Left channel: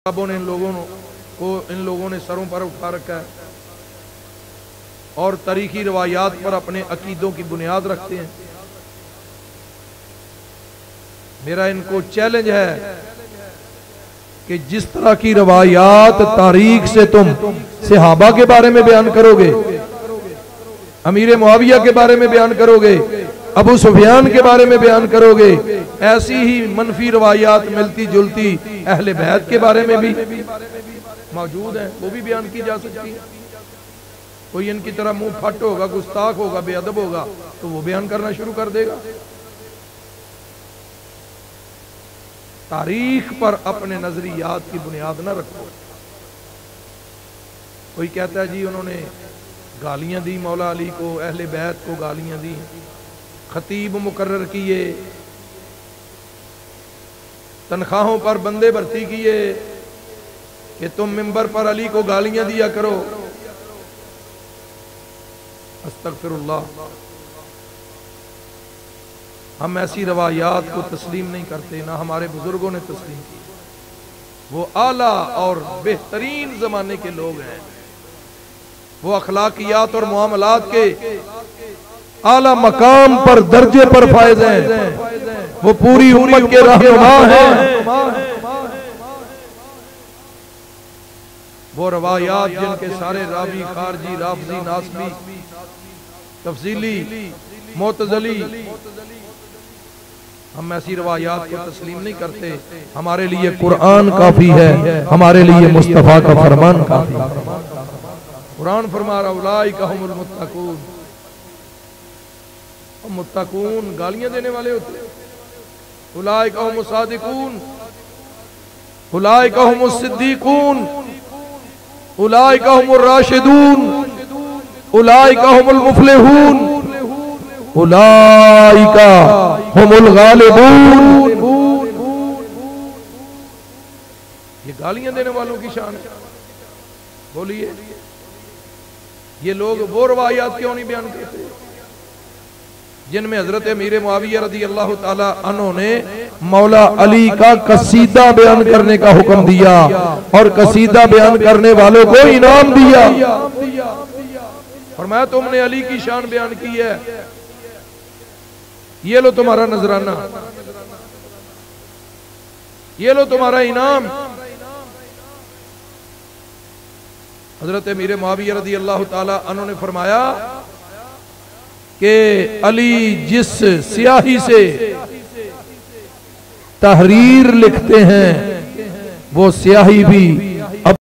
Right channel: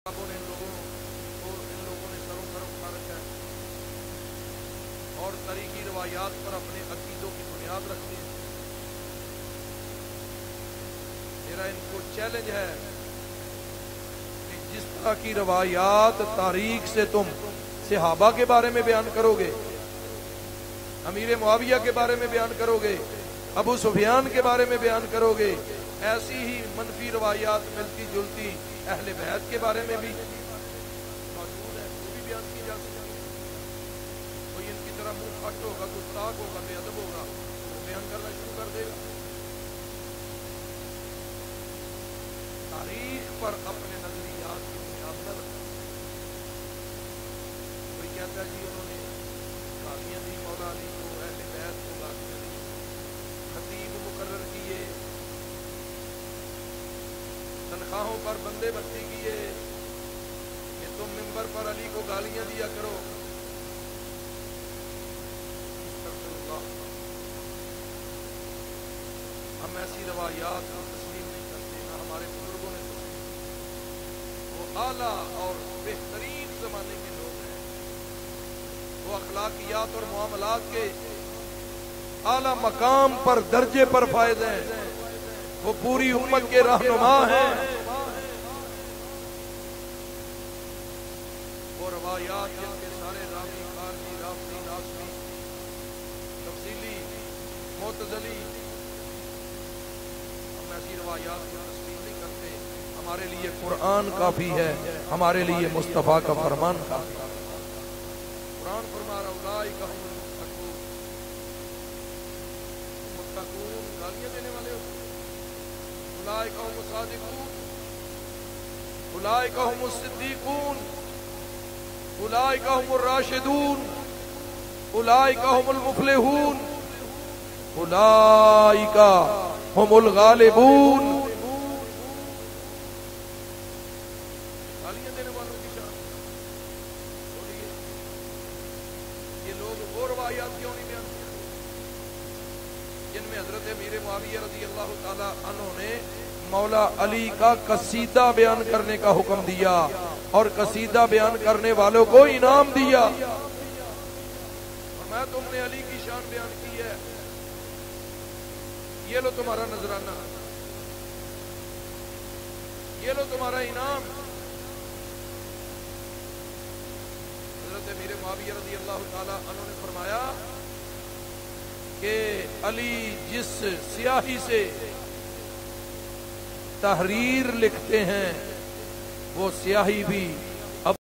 ने इन लोगों ने सरों पर उठा रखा है और तारीखी रवायात पर अपने अकीदों की बुनियाद रखते हैं। मेरा इनको चैलेंज है कि जिस तरह की रवायात तारीख से तुम सहाबा के बारे में बयान करोगे, अमीर मुआविया के बारे में बयान करोगे, अबू सुफियान के बारे में बयान करोगे, ऐसी ही मनफी रवायात मिलती जुलती अहले बैत के बारे में भी मौजूद है, वो भी बयान की जा सकती है। कोई इनकी तरह मुंह फट होगा, गुस्ताख होगा, बेअदब होगा तो वो बयान करना शुरू कर देगा। तारीख पर अपने नजरियात की बुनियाद न रखो। कोई कहता है जी उन्होंने गालियां दी मौला अली को, अहले बैत को गालियां दी, खतीब मुकर्रर किए, तनख्वाहों पर बंदे भर्ती किए कि तुम मिंबर पर अली को गालियां दिया करो। अस्तगफिरुल्लाह, हम ऐसी रवायात को तस्लीम नहीं करते, ना हमारे बुजुर्गों ने तस्लीम की। वो आला और बेहतरीन जमाने के लोग हैं, वो अखलाकियात और मुआमलात के आला मकाम पर दर्जे पर फायज हैं, वो पूरी उम्मत के रहनुमा हैं। वो रवायात जिनके सारे रावी, खारजी, राफजी, नासबी, तफसीली, मोतजली, हम ऐसी रवायात को तस्लीम नहीं करते। हमारे लिए कुरान काफी है, हमारे लिए मुस्तफा का फरमान काफी है। कुरान फरमा रहा उलाइका हुमुल मुत्तकून, मुत्तकून गालियां देने वाले होते हैं। उलाइका हुमुस सादिकून, उलाइका हुमुस सिद्दीकून, उलाइका हुमुर राशिदून, उलाइका हुमुल मुफलिहून, उलाइका हुमुल गालिबून। ये गालियां देने वालों की शान है। बोलिए, ये लोग वो रवायात क्यों नहीं बयान करते जिनमें हजरत अमीर मुआविया रज़ी अल्लाह ताला अन्हु ने मौला अली का कसीदा बयान करने का हुक्म दिया और कसीदा बयान करने वालों को इनाम दिया। फरमाया तुमने अली की शान बयान की है, ये लो तुम्हारा नजराना, ये लो तुम्हारा इनाम। हजरत अमीर मुआविया रज़ी अल्लाह ताला अन्हु ने फरमाया कि अली जिस स्याही से तहरीर लिखते हैं वो स्याही भी